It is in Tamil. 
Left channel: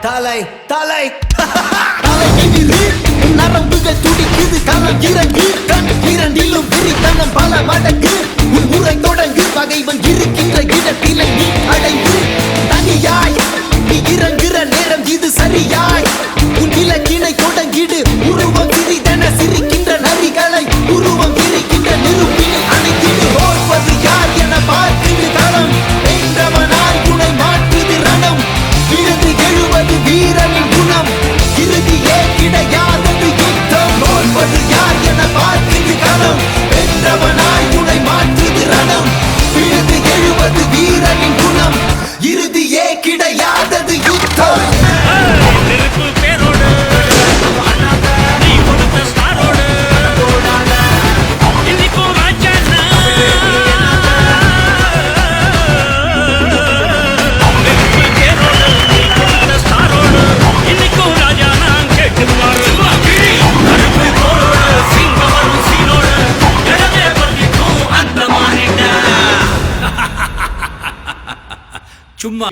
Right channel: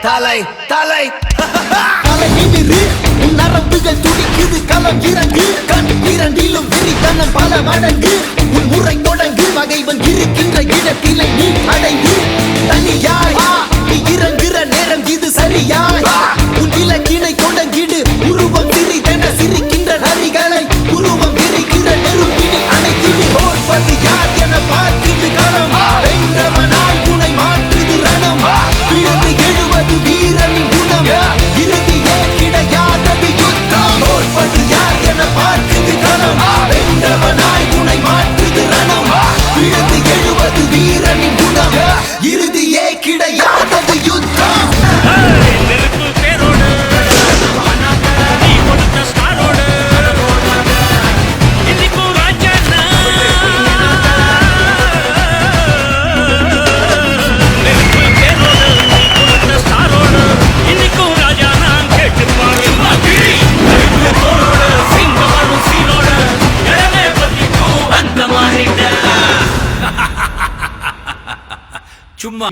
தலை தலை. தலைவிரி நரம்புகள் துடிக்குது களம் இறங்கு. கண் இரண்டிலும் விரித்தனம் பல மடங்கு. உன் முறை தொடங்கு பகைவன் இருக்கின்ற இடத்திலே நீ அடைந்து. தனியாய் நீ இறங்குற நேரம் இது சரியாய். உன் இலக்கினை தொடங்கிடு சும்மா